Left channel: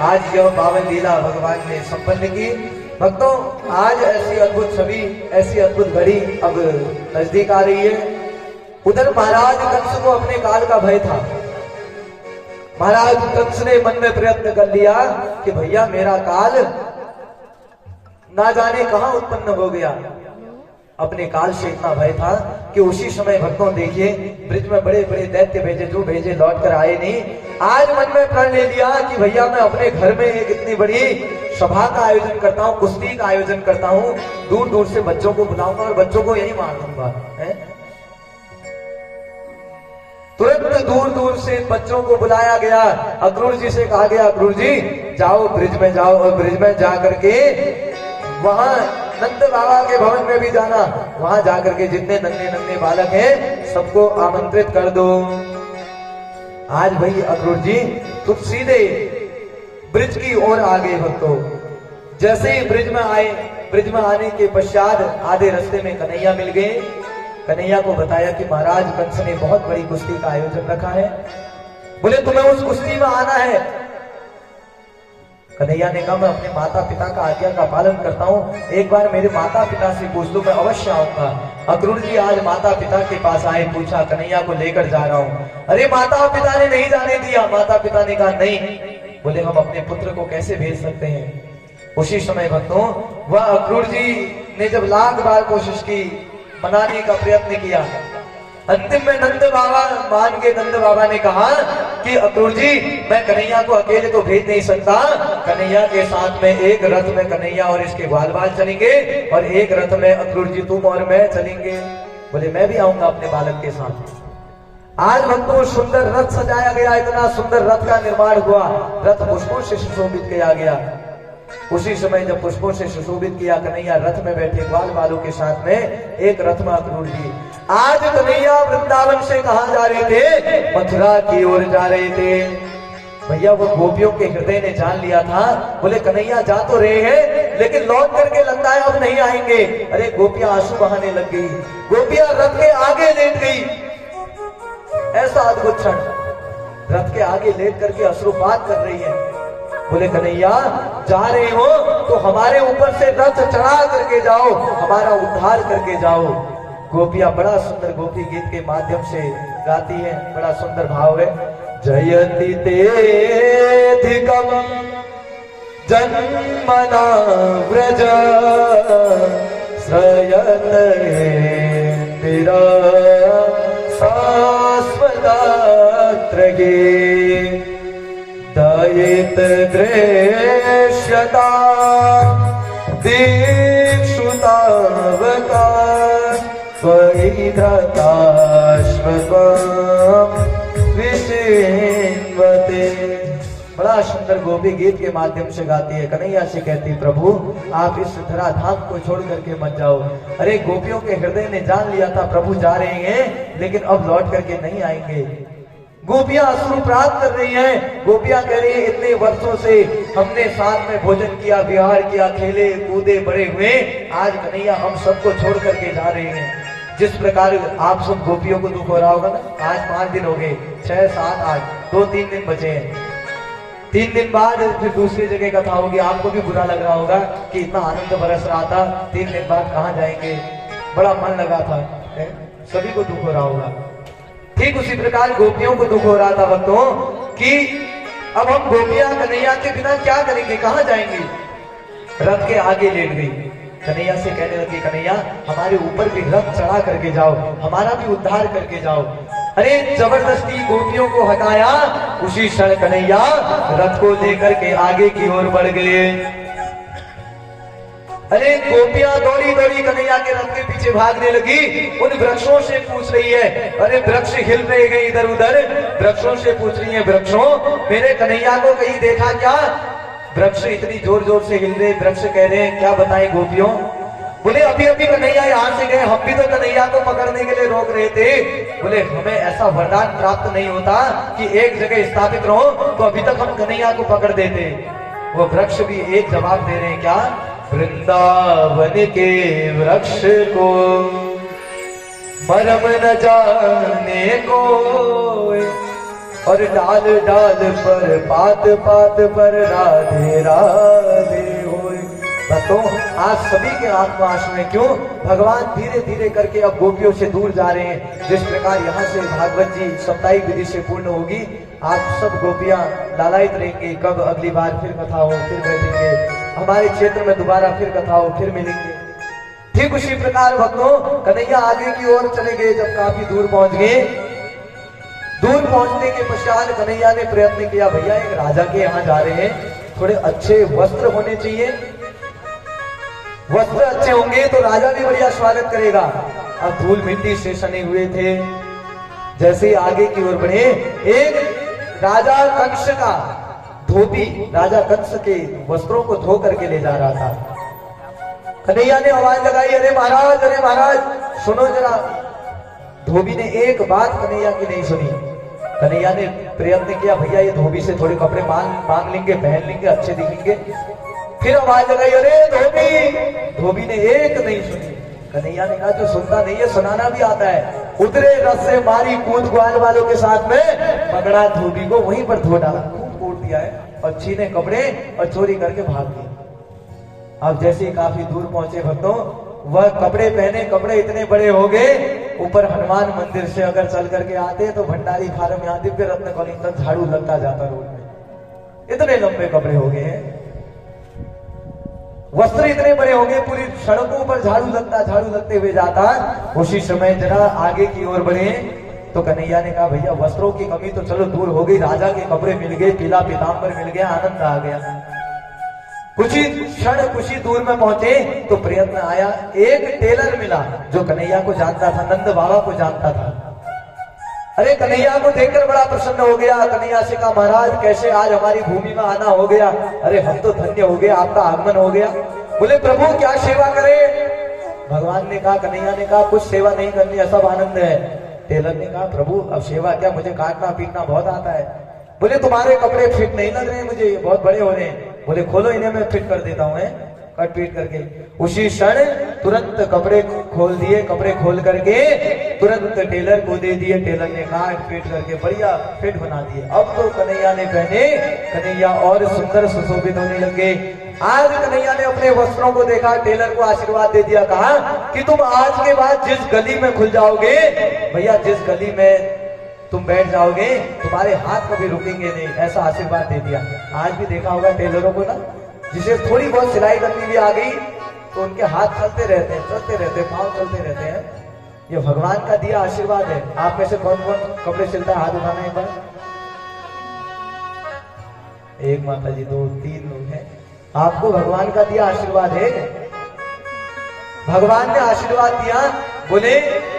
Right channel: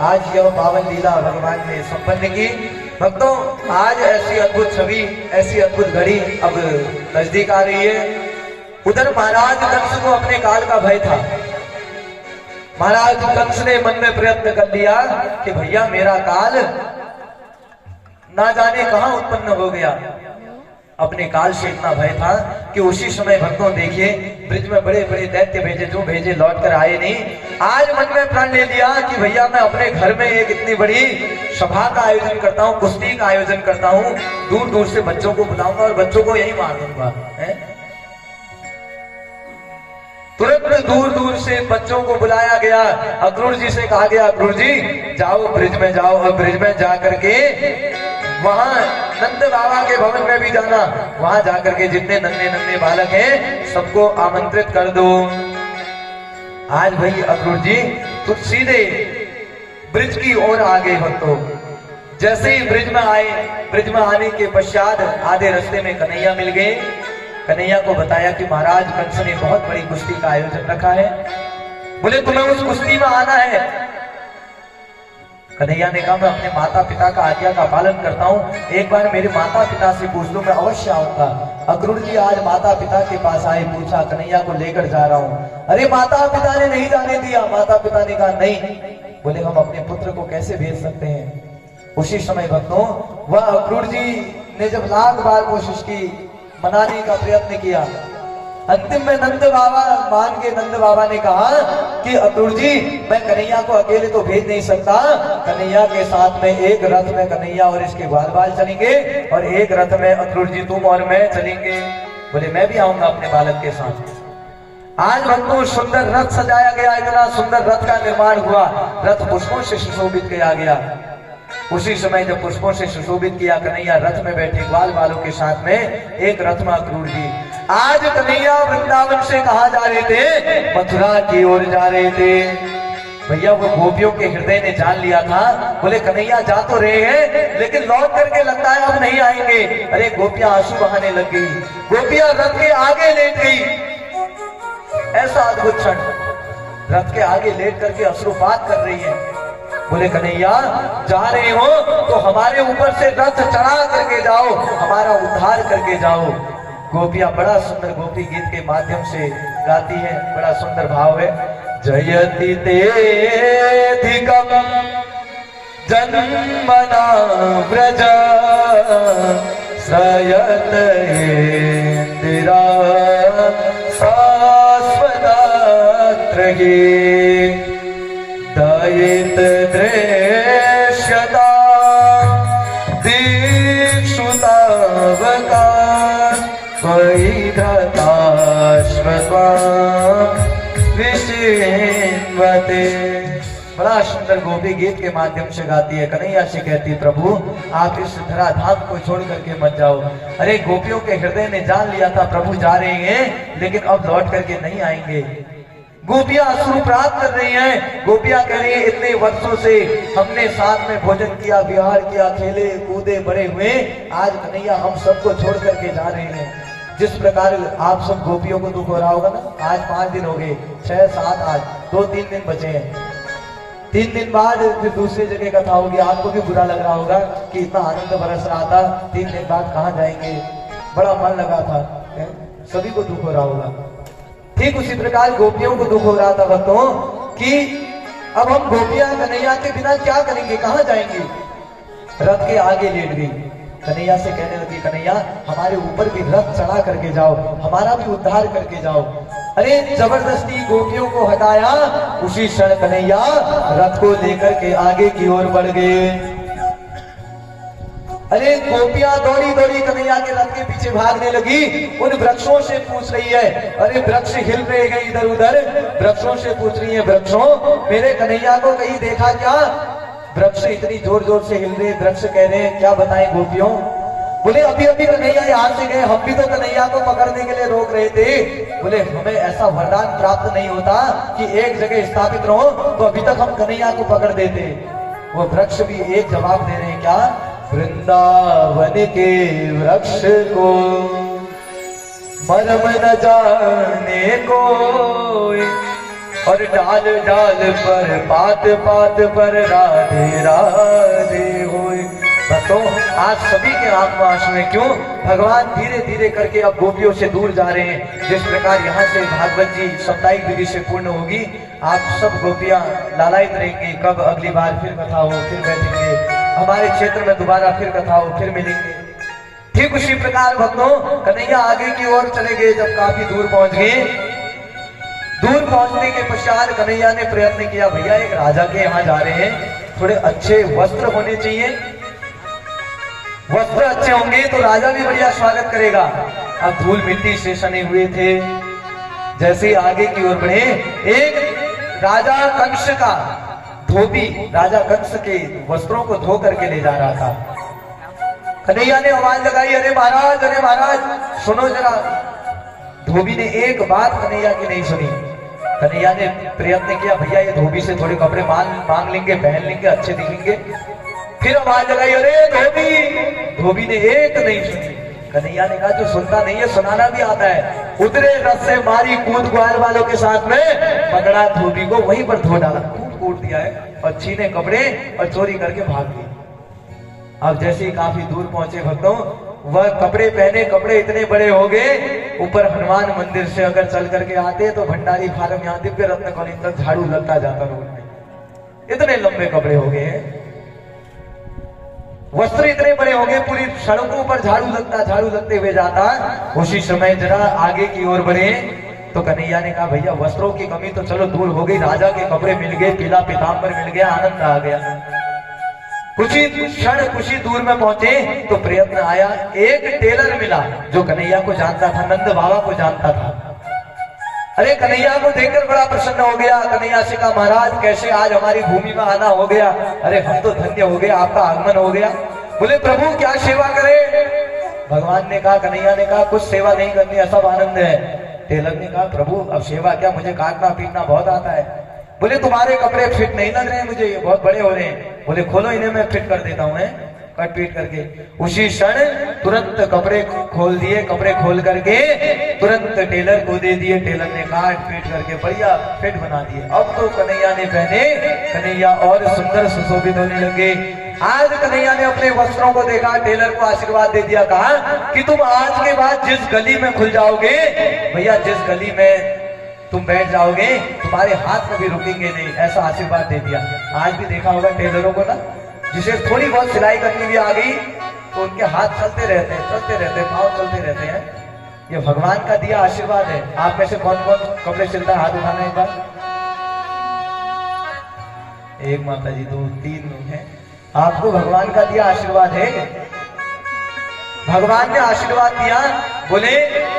आज यह पावन लीला भगवान ने संपन्न की। भक्तों, आज ऐसी अद्भुत छवि, ऐसी अद्भुत घड़ी अब नजदीक आ रही है। उधर महाराज कंस को अपने काल का भय था। महाराज कंस ने मन में प्रयत्न कर लिया कि भैया मेरा काल ना जाने कहां उत्पन्न हो गया। अपने काल से इतना भय था कि उसी समय भक्तों देखिए, ब्रिज में बड़े बड़े दैत्य भेजे, जो भेजे लौट कर आए नहीं। आज मन में प्रण ले लिया कि भैया मैं अपने घर में एक इतनी बड़ी सभा का आयोजन करता हूँ, कुश्ती का आयोजन करता हूँ, दूर दूर से बच्चों को बुलाऊंगा और बच्चों को यही मार दूंगा। तुरंत दूर दूर से बच्चों को बुलाया गया। अक्रूर जी से कहा गया, अक्रूर जी जाओ ब्रिज में जाओ, और ब्रिज में जा करके वहां नंद बाबा के भवन में भी जाना। वहां जाकर के जितने नन्हे नन्हे बालक हैं सबको आमंत्रित कर दो। आज भाई अक्रूर जी तुम सीधे ब्रिज की ओर आ गए। भक्तों, जैसे ही ब्रिज में आए, ब्रिज में आने के पश्चात आधे रास्ते में कन्हैया मिल गए। कन्हैया को बताया कि महाराज कंस ने बहुत बड़ी कुश्ती का आयोजन रखा है। बोले तुम्हें उस कुश्ती में आना है। कन्हैया ने कहा मैं अपने माता पिता का आज्ञा का पालन करता हूँ, एक बार मेरे माता पिता से पूछ लो, मैं अवश्य आऊंगा। अक्रूर जी आज माता पिता के पास आए, पूछा कन्हैया को लेकर जा रहा हूँ। अरे माता पिता ने नहीं जाने दिया। माता पिता ने कहा नहीं। बोले हम अपने पुत्र को कैसे भेज सकते हैं। उसी समय भक्तों वह अक्रूर जी ने जब लाख बार कोशिश की, मनाने का प्रयत्न किया, अंतिम में नंद बाबा मान के नंद बाबा ने कहा कि अक्रूर जी मैं कन्हैया को अकेले तो भेज नहीं सकता, कन्हैया के साथ में एक रथ में कन्हैया और इसके ग्वाल बाल चलेंगे और एक रथ में अक्रूर जी तुम और मैं चलेंगे। बोले मैं भी आऊंगा अपने बालक के साथ। आज भक्तों सुंदर रथ सजाया गया, इतना सुंदर रथ का निर्माण हुआ, रथ पुष्पों से सुशोभित किया गया। उसी समय जब पुष्पों से सुशोभित किया, कन्हैया रथ में बैठे ग्वाल बालों के साथ में, एक रथ में अक्रूर जी। आज कन्हैया वृंदावन से कहा जा रहे थे, मथुरा की ओर जा रहे थे। भैया वो गोपियों के हृदय ने जान लिया था। बोले कन्हैया जा तो रहे हैं लेकिन लौट करके लगता है अब नहीं आएंगे। अरे गोपियां आंसू बहाने लग गई, गोपियां रथ के आगे लेट गई। ऐसा अद्भुत क्षण, रथ के आगे लेट करके अश्रुपात कर रही है। बोले कन्हैया जा रहे हो तो हमारे ऊपर से रथ चढ़ा करके जाओ, हमारा उद्धार करके जाओ। गोपियां बड़ा सुंदर गोपी गीत के माध्यम से गाती हैं, बड़ा सुंदर भाव है। जयति तेधिकम जन्मना व्रज श्रयत इंदिरा शाश्वतात्रये दयित दृश्यता दीक्षुतावका विचिन्वते। बड़ा सुंदर गोपी गीत के माध्यम से गाती है। कन्हैया से कहती प्रभु आप इस धरा धाम को छोड़ करके मत जाओ। अरे गोपियों के हृदय ने जान लिया था प्रभु जा रहे हैं लेकिन अब लौट करके नहीं आएंगे। गोपियां अश्रु प्राप्त कर रही हैं। गोपियां कह रही हैं इतने वर्षों से हमने साथ में भोजन किया, विहार किया, खेले कूदे बड़े हुए, आज कन्हैया हम सबको छोड़ करके जा रहे हैं। जिस प्रकार आप सब गोपियों को दुख हो रहा होगा ना, आज 5 दिन हो गए, 6, 7, 8, 2-3 दिन बचे हैं। 3 दिन बाद फिर दूसरी जगह कथा होगी। आपको भी बुरा लग रहा होगा कि इतना आनंद बरस रहा था, 3 दिन बाद कहाँ जाएंगे, बड़ा मन लगा था, सभी को दुख हो रहा होगा। ठीक उसी प्रकार गोपियों को दुख हो रहा था भक्तों कि अब हम गोपियां कन्हैया के बिना क्या करेंगे, कहां जाएंगे। रथ के आगे लेट गई, कन्हैया से कहने लगी कन्हैया हमारे ऊपर भी रथ चढ़ा करके जाओ, हमारा भी उद्धार करके जाओ। अरे जबरदस्ती गोपियों को हटाया। उसी क्षण कन्हैया रथ को लेकर के आगे की ओर बढ़ गए। अरे गोपियां दौड़ी दौड़ी कन्हैया के रथ के पीछे भागने लगी। उन वृक्षों से पूछ रही है, अरे वृक्ष हिल रहे हैं इधर उधर, वृक्षों से पूछ रही है वृक्षों मेरे कन्हैया को कहीं देखा क्या। वृक्ष इतनी जोर जोर से हिल रहे, वृक्ष कह रहे हैं क्या बताएं गोपियों। बोले अभी अभी कन्हैया यहाँ से गए, हम भी तो कन्हैया को पकड़ने के लिए रोक रहे थे। बोले हमें ऐसा वरदान प्राप्त नहीं होता कि एक जगह स्थापित रहो, तो अभी तक हम कन्हैया को पकड़ देते। वो वृक्ष भी एक जवाब दे रहे हैं क्या, वृंदावन के वृक्ष को मरम न जाने कोई, और डाल डाल पर पात पात पर राधे राधे होए। तो आज सभी के आत्मा आंसू में, क्यों? भगवान धीरे धीरे करके अब गोपियों से दूर जा रहे हैं। जिस प्रकार यहाँ से भागवत जी साप्ताहिक विधि से पूर्ण होगी, आप सब गोपियां लालायित रहेंगी, कब अगली बार फिर कथा हो, फिर बैठेंगे हमारे क्षेत्र में, दोबारा फिर कथा हो, फिर मिलेंगे। ठीक उसी प्रकार भक्तों कन्हैया आगे की ओर चले गए। जब काफी दूर पहुंच गए, दूर पहुंचने के पश्चात कन्हैया ने प्रयत्न किया, भैया एक राजा के यहाँ जा रहे हैं, थोड़े अच्छे वस्त्र होने चाहिए, वस्त्र अच्छे होंगे तो राजा भी बढ़िया स्वागत करेगा। अब धूल मिट्टी से सने हुए थे। जैसे आगे की ओर बढ़े, एक राजा कंस का धोबी राजा कंस के वस्त्रों को धो करके ले जा रहा था। कन्हैया ने आवाज लगाई, अरे महाराज सुनो जरा। धोबी ने एक बात कन्हैया की नहीं सुनी। कन्हैया ने प्रयत्न किया, भैया ये धोबी से थोड़े कपड़े मांग लेंगे, पहन लेंगे, अच्छे दिखेंगे। फिर आवाज लगाई, अरे धोबी। धोबी ने एक नहीं सुनी। कन्हैया ने कहा, जो सुनता नहीं है सुनाना भी आता है। उतरे रस से मारी कूद ग्वाल वालों के साथ में, पकड़ा धोबी को वहीं पर धो डाला, कूद दिया है और छीने कपड़े और चोरी करके भाग गए। अब जैसे ही काफी दूर पहुंचे भक्तों, वह कपड़े पहने, कपड़े इतने बड़े हो गए, ऊपर हनुमान मंदिर से अगर चल करके आते तो भंडारी फार्म यहाँ दिव्य रत्न कॉलोनी तक झाड़ू लगता जाता रोड में। इतने लंबे कपड़े हो गए हैं, वस्त्र इतने बड़े हो गए, पूरी सड़कों पर झाड़ू लगते हुए जाता। उसी समय जरा आगे की ओर बढ़े तो कन्हैया ने कहा, भैया वस्त्रों की कमी तो चलो दूर हो गई, राजा के कपड़े मिल गए, पीला पीताम्बर मिल गया, आनंद आ गया। कुछ ही दूर में पहुंचे तो प्रयत्न आया, एक टेलर मिला जो कन्हैया को जानता था, नंद बाबा को जानता था। अरे कन्हैया को देखकर बड़ा प्रसन्न हो गया। कन्हैया से कहा, महाराज कैसे आज हमारी भूमि में आना हो गया? अरे हम तो धन्य हो गया, आपका आगमन हो गया। बोले प्रभु क्या सेवा करे? भगवान ने कहा, कन्हैया ने कहा, कुछ सेवा नहीं करनी, सब आनंद है। टेलर ने कहा, प्रभु अब सेवा क्या, मुझे काटना पीटना बहुत आता है। बोले तुम्हारे कपड़े फिट नहीं लग रहे हैं मुझे, ये बहुत बड़े हो रहे हैं। बोले खोलो इन्हें, मैं फिट कर देता हूँ, कट पीट करके। उसी क्षण तुरंत कपड़े खोल दिए, कपड़े खोल करके तुरंत टेलर को दे दिए। टेलर ने काट पीट करके बढ़िया फिट बना दिए। अब तो कन्हैया ने पहने, कन्हैया और सुंदर सुशोभित होने लगे। आज कन्हैया ने अपने वस्त्रों को देखा, टेलर को आशीर्वाद दे दिया, कहा कि तुम आज के बाद जिस गली में खुल जाओगे, भैया जिस गली में तुम बैठ जाओगे तुम्हारे हाथ में भी रुकेंगे नहीं, ऐसा आशीर्वाद दे दिया। आज भी देखा होगा टेलरों को ना, जिसे थोड़ी बहुत सिलाई करनी भी आ गई तो उनके हाथ चलते रहते हैं, पाँव चलते रहते हैं। ये भगवान का दिया आशीर्वाद है। आप में से कौन कौन कपड़े सिलता है? हाथ उठाना एक बार। एक माता जी, दो, तीन लोग हैं। आपको भगवान का दिया आशीर्वाद है। भगवान ने आशीर्वाद दिया, बोले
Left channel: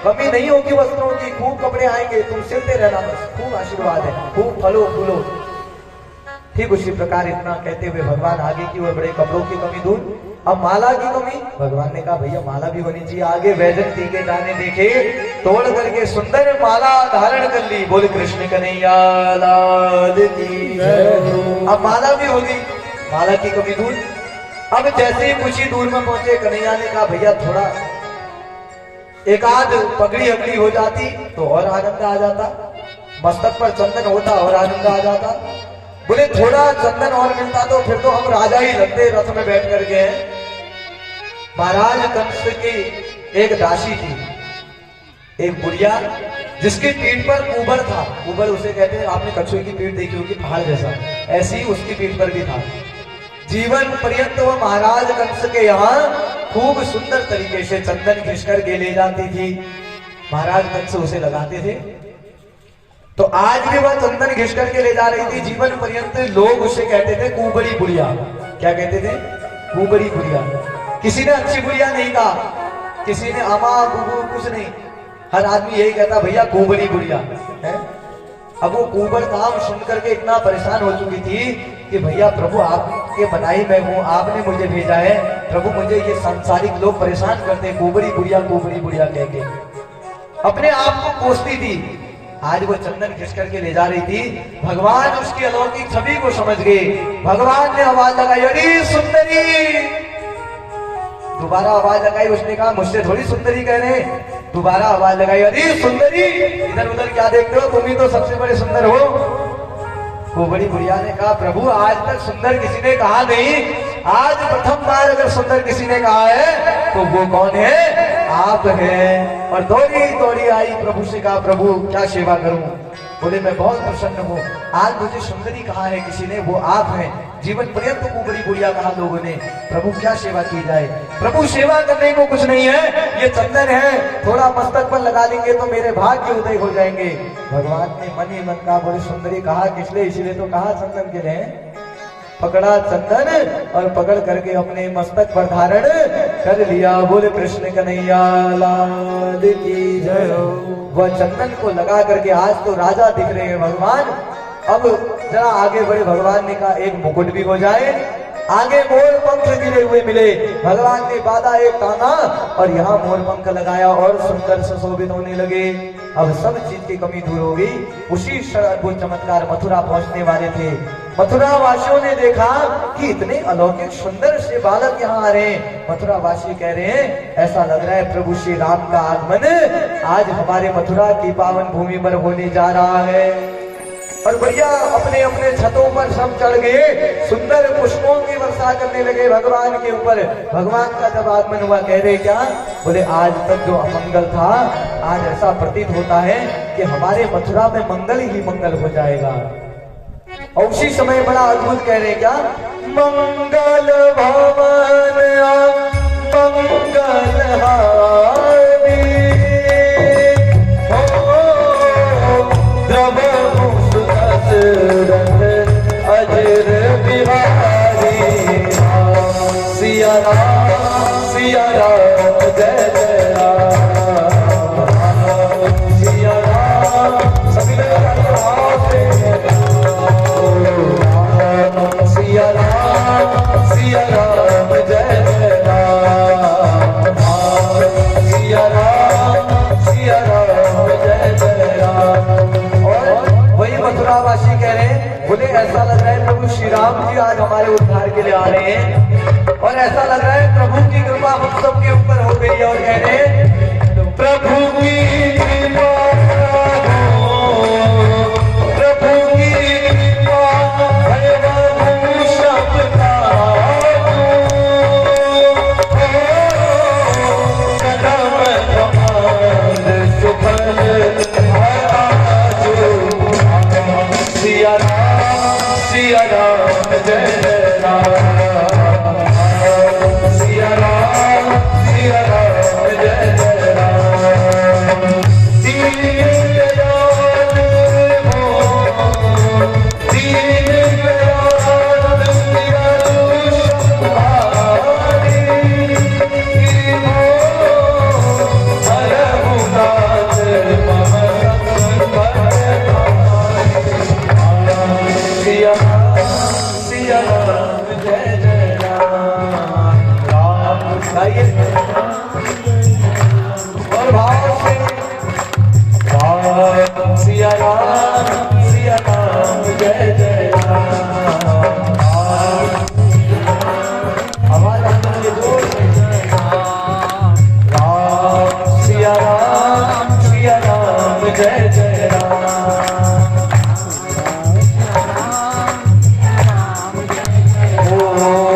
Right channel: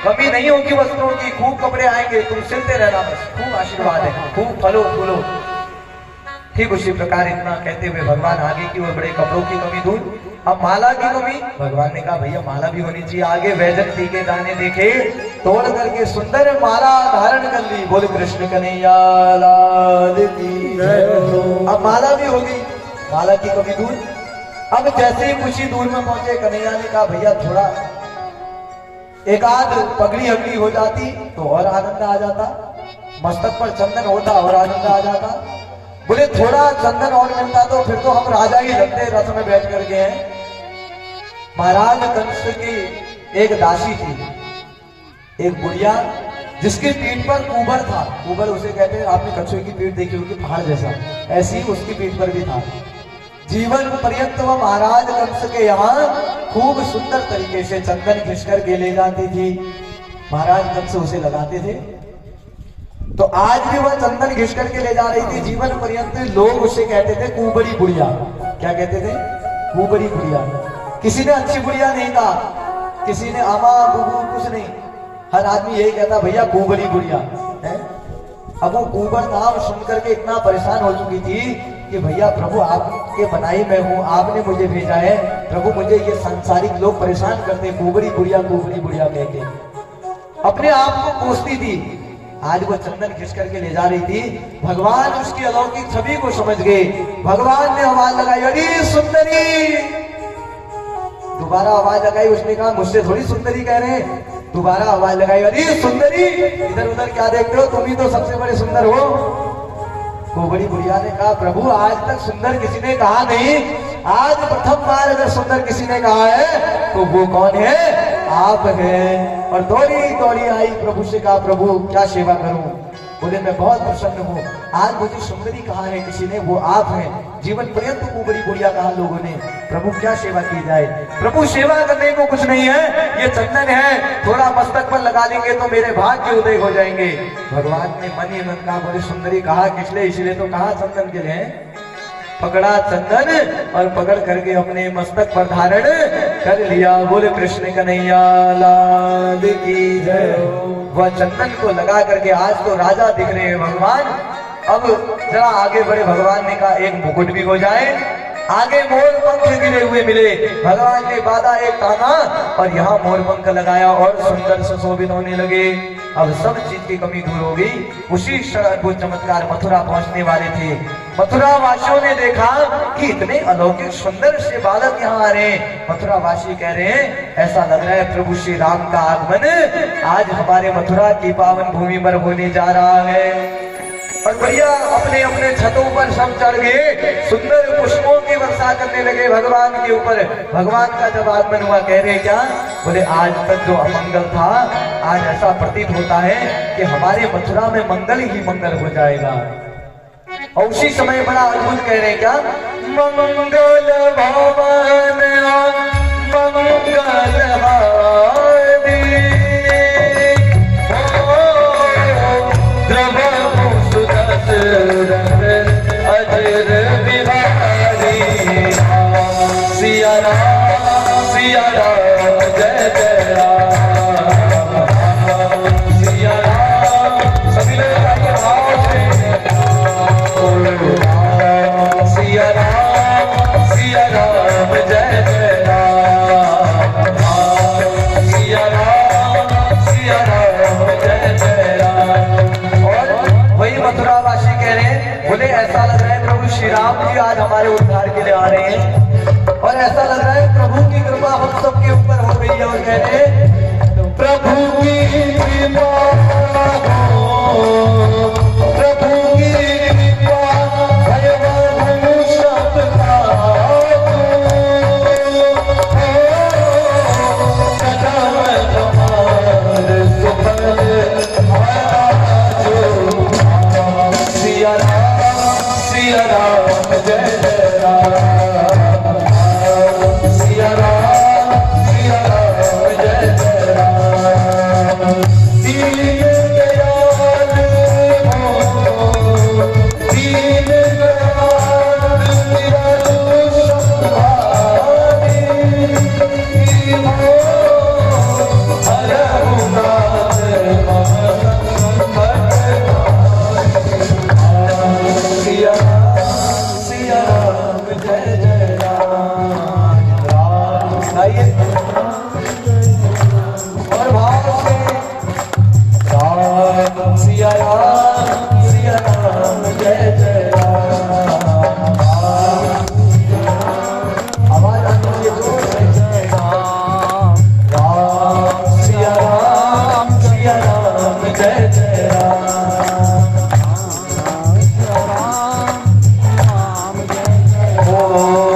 कमी नहीं होगी वस्त्रों की, खूब कपड़े आएंगे, तुम सिलते रहना, बस खूब आशीर्वाद है, खूब फलो फूलो। ठीक उसी प्रकार इतना कहते हुए भगवान आगे की ओर बड़े, कपड़ों की कमी दूर। अब माला की कमी, भगवान ने कहा भैया माला भी होनी चाहिए। आगे वैजंती के दाने देखे, तोड़ करके सुंदर माला धारण कर ली। बोले कृष्ण कन्हैया लाल की जय। अब माला भी होगी, माला की कमी दूर। अब जैसे ही कुछ ही दूर में पहुंचे, कन्हैया ने कहा भैया थोड़ा एक आध पगड़ी अगली हो जाती तो और आनंद आ जाता, मस्तक पर चंदन होता और आनंद आ जाता। बोले थोड़ा चंदन और मिलता तो फिर तो हम राजा ही लगते, रथ में बैठ कर गए। महाराज कंस की एक दासी थी, एक बुढ़िया, जिसकी पीठ पर कुबर था। कुबर उसे कहते हैं, आपने कछुए की पीठ देखी होगी पहाड़ जैसा, ऐसी ही उसकी पीठ पर भी था। जीवन पर्यंत वह महाराज कंस के यहाँ खूब सुंदर तरीके से चंदन घिस कर के ले जाती थी। महाराज कंस उसे लगाते थे, तो आज भी वह चंदन घिस करके ले जा रही थी। जीवन पर्यंत लोग उसे कहते थे कुबड़ी बुढ़िया। क्या कहते थे? कुबड़ी बुढ़िया। किसी ने अच्छी बुढ़िया नहीं कहा, किसी ने आमा बुबू कुछ नहीं, हर आदमी यही कहता भैया कुबड़ी बुढ़िया है। अब वो कुबर नाम सुनकर के इतना परेशान हो चुकी थी कि भैया प्रभु आपके बनाई मैं हूँ, आपने मुझे भेजा है, प्रभु मुझे ये सांसारिक लोग परेशान करते, कुबड़ी बुढ़िया कह के अपने आप को कोसती थी। आज वो चंदन खिंच करके ले जा रही थी। भगवान उसकी अलौकिक छवि को समझ गए। भगवान ने आवाज लगाई, अरे सुंदरी। दोबारा आवाज लगाई, उसने कहा मुझसे थोड़ी सुंदरी कह रहे हैं, दोबारा आवाज लगाई, अरे सुंदरी इधर उधर क्या देखते हो, तुम ही तो सबसे बड़े सुंदर हो। वो बड़ी बुढ़िया ने कहा, प्रभु आज तक सुंदर किसी ने कहा नहीं, आज प्रथम बार अगर सुंदर किसी ने कहा है तो वो कौन है, आप हैं। और दौड़ी दौड़ी आई, प्रभु से कहा, प्रभु क्या सेवा करूं। बोले मैं बहुत प्रसन्न हूँ, आज मुझे सुंदरी कहा है किसी ने, वो आप हैं। जीवन पर्यंत को बड़ी बुढ़िया कहा लोगों ने, प्रभु क्या सेवा की जाए। प्रभु सेवा करने को कुछ नहीं है, ये चंदन है, थोड़ा मस्तक पर लगा लेंगे तो मेरे भाग्य उदय हो जाएंगे। भगवान ने मन ही मन कहा, बोले सुंदरी कहा किस लिए, इसलिए तो कहा चंदन के लिए। पकड़ा चंदन और पकड़ करके अपने मस्तक पर धारण कर लिया। बोले कृष्ण कन्हैया लाल की जय। वह चंदन को लगा करके आज तो राजा दिख रहे हैं भगवान। अब जरा आगे बढ़े, भगवान ने कहा एक मुकुट भी हो जाए। आगे मोर पंख गिरे हुए मिले, भगवान ने बाधा एक ताना और यहाँ मोर पंख लगाया और सुंदर सुशोभित होने लगे। अब सब चीज की कमी दूर हो गई। उसी क्षण वो चमत्कार मथुरा पहुंचने वाले थे। मथुरा वासियों ने देखा कि इतने अलौकिक सुंदर से बालक यहाँ आ रहे हैं। मथुरा वासी कह रहे हैं ऐसा लग रहा है प्रभु श्री राम का आगमन आज हमारे मथुरा की पावन भूमि पर होने जा रहा है। और भैया अपने अपने छतों पर सब चढ़ गए, सुंदर पुष्पों की वर्षा करने लगे भगवान के ऊपर। भगवान का जब आगमन हुआ, कह रहे क्या, बोले आज तक जो अमंगल था आज ऐसा प्रतीत होता है कि हमारे मथुरा में मंगल ही मंगल हो जाएगा। और उसी समय बड़ा अद्भुत कह रहे क्या, मंगल भवन मंगल सिया राम जय जय राम, सिया राम सभी लोग सिया राम जय जय राम, सिया राम जय जय राम। और वही मथुरावासी कह रहे हैं, बोले ऐसा लग रहा है प्रभु श्री राम जी आज हमारे उद्धार के लिए आ रहे हैं। और ऐसा लग रहा है प्रभु की कृपा हम सबके ऊपर हो गई है। और कह रहे हैं प्रभु की कृपा, प्रभु की कृपा है बहु सबका, कदम कमल सुफल सिया राम जय